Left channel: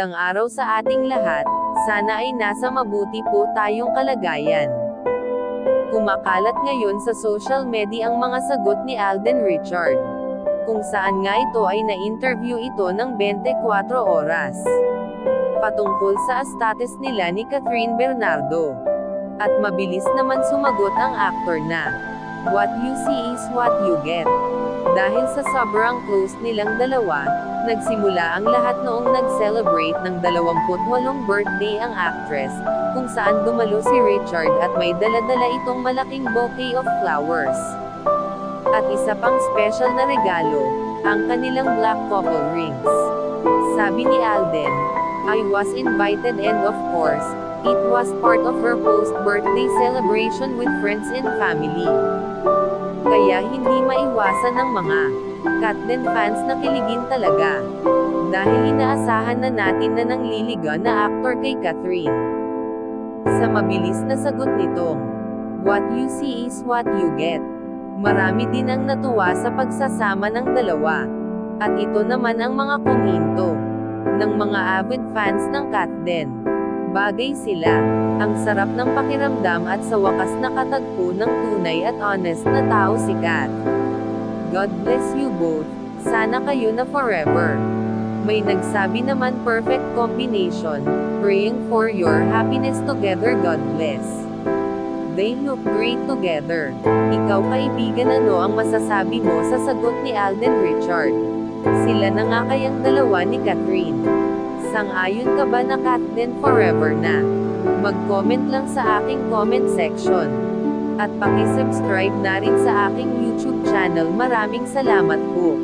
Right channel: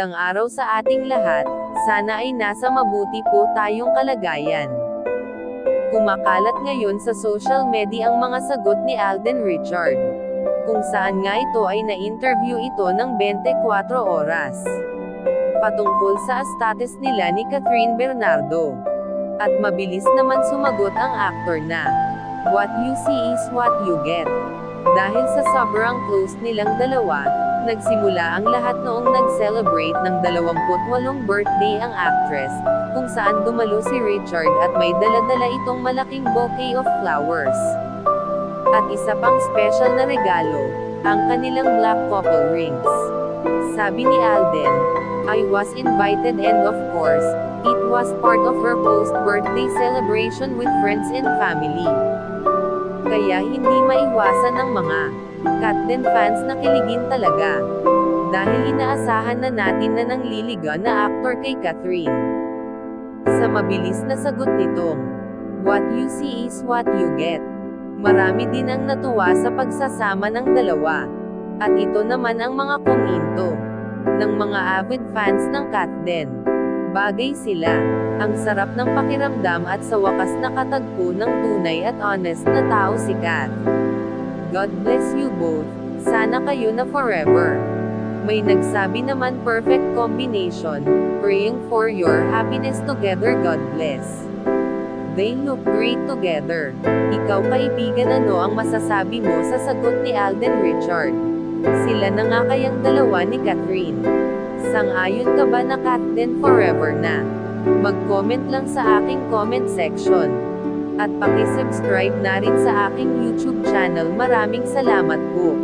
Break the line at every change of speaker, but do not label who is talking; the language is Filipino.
Magandang araw sa ating lahat, sana ay nasa mabuti po tayong kalagayan. Kumakalat ngayon sa social media ang mga sagot ni Alden Richard. Kung saan nga ito ay na-interview ito ng 24 oras. Patungkol sa status nila ni Catherine Bernardo. At mabilis naman sumagot ang aktor na, What you see is what you get. Dahil sa sobrang close nilang dalawa, nagsimula ang lahat noong nag-celebrate ng 28 birthday ang actress, kung saan dumalo si Richard at may daladala itong malaking bouquet of flowers. At isa pang special na regalo, ang kanilang black couple rings. Sabi ni Alden, I was invited and of course, it was part of her post-birthday celebration with friends and family. Kaya hindi maiwasan ng mga Katden fans na kiligin talaga. Dahil inaasahan na natin na nang liliga na aktor kay Catherine. Sa mabilis na sagot nitong, What you see is what you get. Marami din ang natuwa sa pagsasama ng dalawa. At ito naman ang mga kominto ng mga avid fans ng Katden. Bagay sila. Ang sarap ng pakiramdam at sa wakas nakatagpo ng tunay at honest na tao si Kat. God bless you both. Sana kayo na forever. May nagsabi naman perfect combination. Praying for your happiness together God bless. They look great together. Ikaw kaibigan ano ang masasabi mo sa sagot ni Alden Richard? Sila na nga kayang dalawa ni Catherine. Sang-ayon ka ba na Katden forever na? Mag-comment lang sa aking comment section. At paki-subscribe na rin sa aking YouTube channel. Maraming salamat po.